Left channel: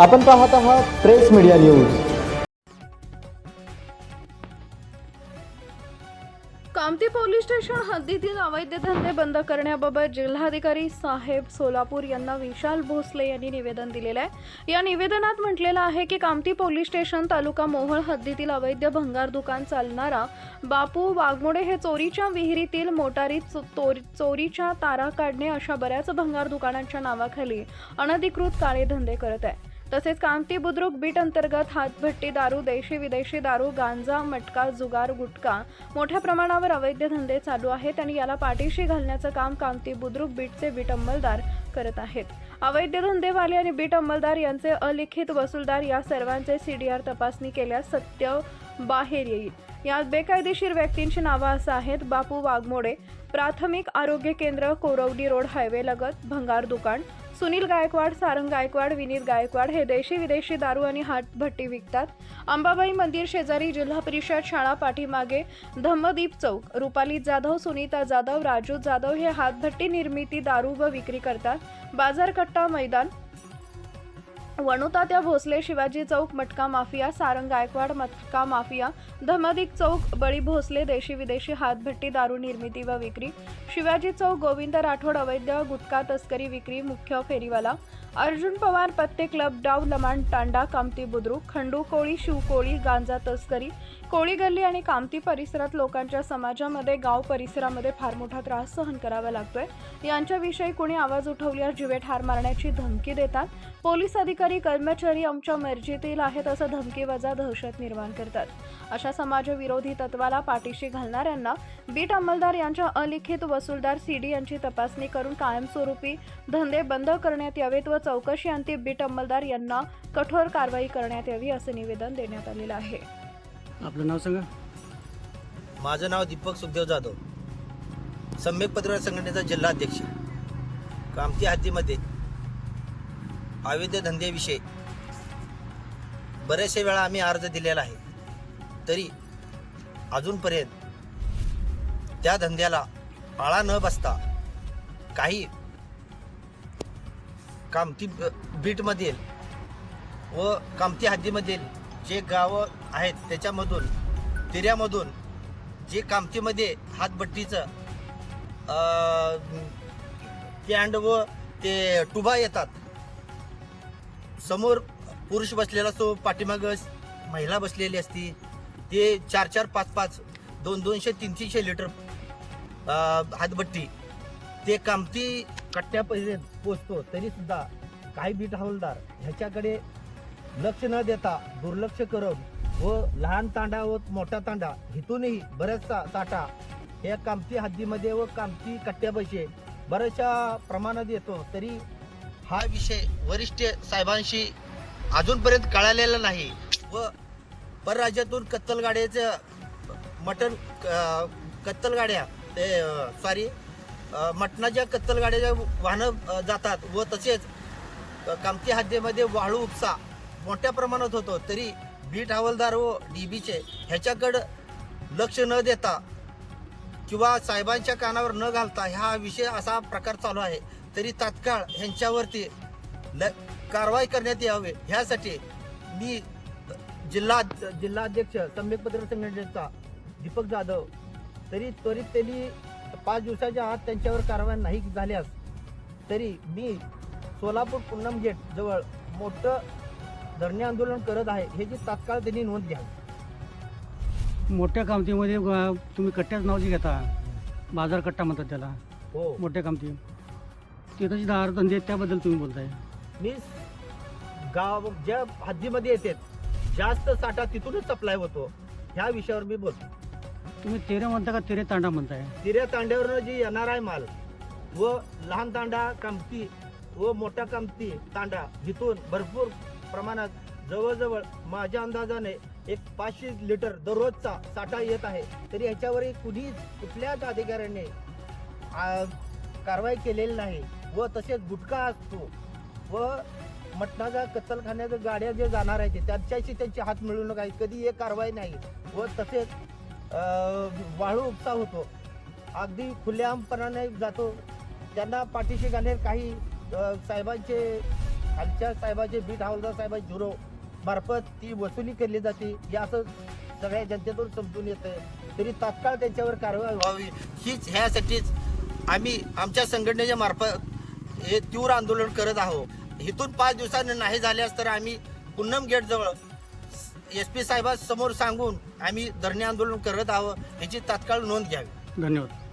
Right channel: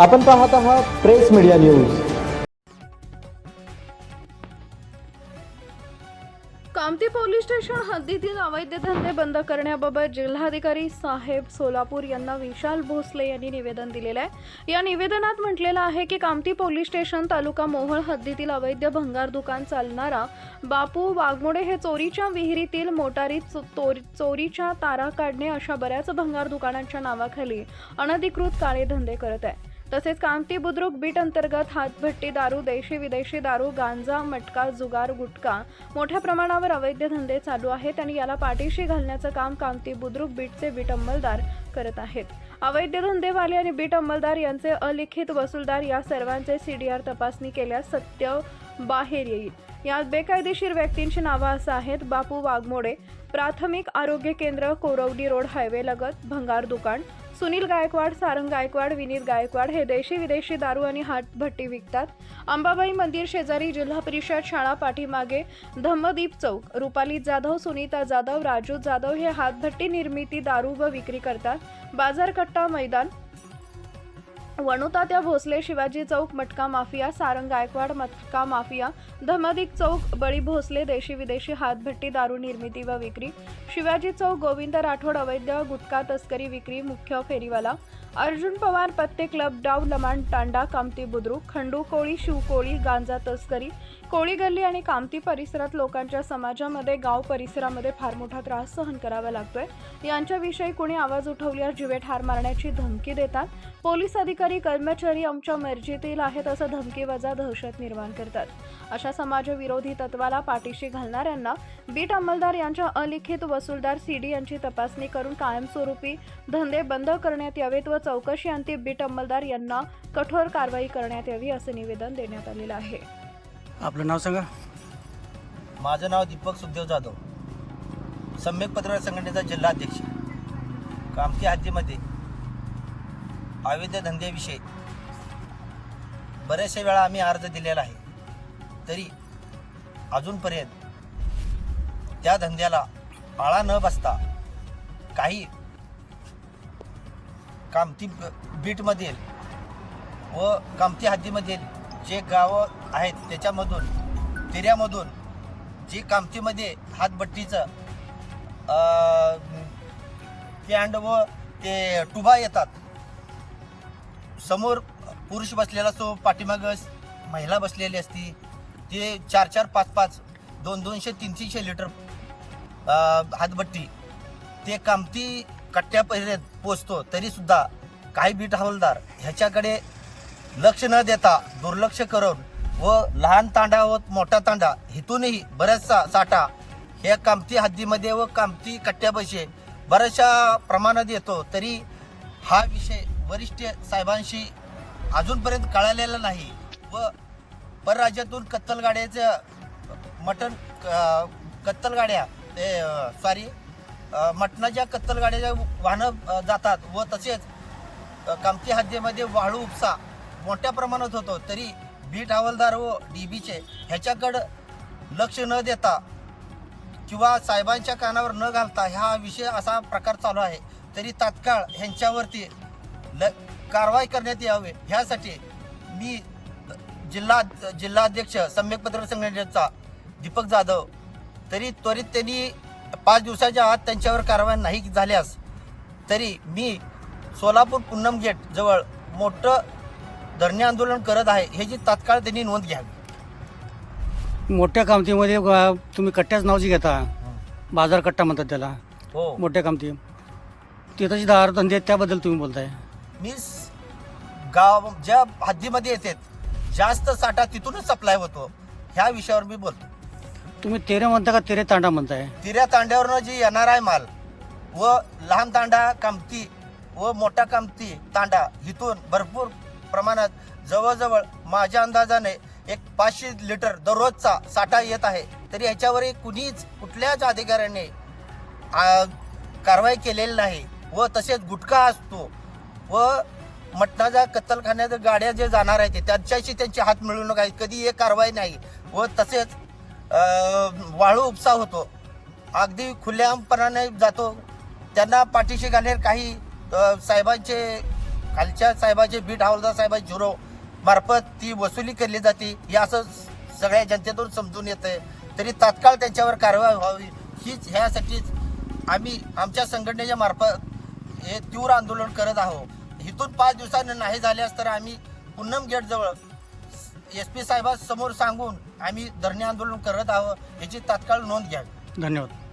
आपण पाहत आहात प्रेस मीडिया न्यूज. कामती पोलीस स्टेशन हद्दीतील अवैध धंदे बंद करण्याबाबत जिल्हाधिकारी साहेब सोलापूर यांना विशाल भोसले यांनी निवेदन दिलेलं आहे. या निवेदनात म्हटलेलं आहे की कामती पोलीस स्टेशन तालुका मोहोळ हद्दीतील अवैध भंगार दुकान चालणारा बापू वाघमोडे हे चोरीच्या विहिरीतील मोटारीत चो- चोरीच्या तारा काढणे अशा बऱ्याच भंगार दुकानांच्या नावाखाली अनधिकृत काळे धंदे करत आहे. तसेच कामती बुद्रुक बीट अंतर्गत हातभट्टी दारू देशी विदेशी दारू गांजा मटका जुगार गुटखा मोठ्या प्रमाणावर अवैध धंदे चालू आहेत आणि याला पाठीशी घालण्याचं काम कामती बुद्रुक बीटचे बीट अंमलदार करत आहेत. अवैध धंदेवाले आणि बीट अंमलदार यांचे अलिखित वसूलदार या सर्वांचे सीडीआर तपासणी केल्यास सत्य बाहेर येईल. यात बेकायदेशीर व्यक्तींची नावं असं आहेत बापू वाघमोडे प्राथमिक आरोग्य केंद्र कोरवडी रोड हायवे लगत भंगार दुकान सुनील गायकवाड सारंग गायकवाड विनीत गायकवाड हे देशी विदेशी दारू आणि हातभट्टी विकतात. अंबाबाई मंदिर शेजारी जिल्हा परिषद शाळा पाठीमागे धम्मदीप चौक. रुपाली जाधव सुनीता जाधव राजू जाधव हे हातभट्टी निर्मिती दारू व विक्री करतात. बाजारकट्टा मैदान वणुतात्या भोसले शिवाजी चौक मटका माफिया सारंग गायकवाड मटका माफिया धमदिक चौक बळी भोसले देशी विदेशी हातभट्टी दारू निर्मिती व विक्री शिवाजी चौक गोविंद राठोड अवैध गुटखा तस्करी विक्री मुख्य फेरीवाला अर्जुन पवार पत्ते क्लब डाव लमाण तांडा कामती बुद्रुक खंडू कोळी शिवकोळी गांजा तस्करी कोळी गल्ली आणि कामती परिसरात लोकांच्या समाजामध्ये गाव परिसरामध्ये फार मोठा त्रास सहन करावा लागतोय. यांच्याविषयी कोणी आवाज उठवल्यास जिवे ठार मारण्याची धमकी देतात. पोलीस अधिकारी कर्मचारी आमच्या मर्जीतील आहेत असं धमकीवजा दहशत निर्माण करतात. अशा समाजविरोधी तत्वाला पाठीशी घालणाऱ्यांना बीट अंमलदार यांच्या अलिखित वसूलदार सीडी यांची तपासणी करून कायमस्वरूपी धंदे बंद करण्यात यावेत व चौकशी अंती बीट अंमलदार यांना कठोर कारवाई करण्यात यावी असं निवेदन देण्यात आलेलं आहे. आपलं नाव सांगा. माझं नाव दीपक सुखदेव जाधव. सम्यक पत्रकार संघटनेचा जिल्हाध्यक्ष कामती हद्दीमध्ये अवैध धंद्याविषयी बऱ्याचशा वेळा आम्ही अर्ज दिलेला आहे. तरी अजूनपर्यंत त्या धंद्याला आळा न बसता काही कामती बीटमधील व कामती हद्दीमधील जे गावं आहेत त्याच्यामधून तिऱ्यामधून जे कामतीमध्ये हातभट्टीचं कॅन्ड व ते टुबा येतात. समोर पुरुष बसलेला असतो पाठीमाग महिला बसलेली असती. ते चार चार पाच पाच दोन दोनशे तीन तीनशे लिटर हातभट्टी. ते कामती कट्ट्यापर्यंत पोचतो तरी सुद्धा काही बीट हवालदार ह्याच्याकडे लक्ष न देता दुर्लक्ष करून व लहान तांडा व मोठा तांडा इथूनही बऱ्याचसा साठा या कामती हद्दीमध्ये व कामती कट्ट्यापैसे बऱ्याचशा प्रमाणात येतो तरी हा विषय वरिष्ठ साहेबांशी अजूनपर्यंत कळालेला नाही व परराज्यातून कत्तलगाड्याचं मटन मटण ते सॉरी मटणाच्या कत्तलगाड्याच्या वाहनं जातात व तसेच कामती हद्दीमध्ये वाळू उपसा मोठ्या प्रमाणात होतो तरी बीट हवालदार व डी बीचे ह्याच्याकडं लक्ष न देता किंवा साहेबांच्या कानावर न घालता ह्या विषय असा प्रकार चालू आहे तरी तात्काळ ह्यांच्यावरती ल कारवाई करण्यात यावे. ह्यासाठी मी जिल्हा जिल्हाध्यक्ष सम्यक पत्रकार संघटनेचा दीपक जाधव तरी त्वरित त्यांनी पाच दिवसाच्या आत त्यांच्यावर कारवाई नाही झाल्यास तरी मी सोलापूर पुन्नम गेट जवळ मोठं धरणे आंदोलन करत आहे ह्याची तात्काळ त्यांनी नोंद घ्यावी. मोठ्या कामतीमध्ये तुम्ही कट्ट्याच नाव जे घेता बाजार कट्टा म्हणतात त्याला. हो. मोठ्या कामती. तिथं जे दार धंदे आहेत त्याबद्दल तुम्ही बोलताय. मी गाव ज्या हद्दीमध्ये येतात जास्त साठा तिथूनच सप्लाय होतो. ह्या विषयावर मी बोलतो. तुम्ही तेरे म्हणता का तेरे तांडा म्हणताय? तिऱ्या तांड्यावरनं जी येणार आहे माल व लहान तांडा कामती व मोठा कामती तांडा इथून भरपूर प्रमाणात जवळजवळ माझ्या अंदाजाने एक पाचशे लिटर दररोजचा साठा येत आहे. तरी ह्याच्यावरही कुणीच कुठल्याच अधिकाऱ्याने आ, कारवाई केलेली नाही. व तसेच गुटखा असतो व मटणाच्या कत्तलखान्यात गाड्या जे जाणार आहेत त्यांच्याशी त्यांचे हात मिळू नका. कधी एक कारवाई नाही. व तसेच वाळू उपसा होतो. अगदी खुल्यापणाने जातो. त्यांना पाठीशी घालण्यात काही साहेबांचे खालच्या साहेबाचे बीट हवालदार साहेब झुरो मार्फत ती वसुली केली जाते. हे असं सगळ्या जनतेतून समजून येते तरी तात्काळ त्यांच्यावर कारवाई व्हावी. हीच ह्यासाठीच आम्ही आमच्या संघटनेच्या मार्फत हे तीव्र आंदोलन करत आहोत. इथून पाच दिवसांनी नाही झाल्यास तर आम्ही पुन्नम गेटजवळ एस पी साहेबांसमोर सांगून आम्ही धरणे आंदोलन करत आहोत याची तात्काळ नोंद घ्यावी. धन्यवाद.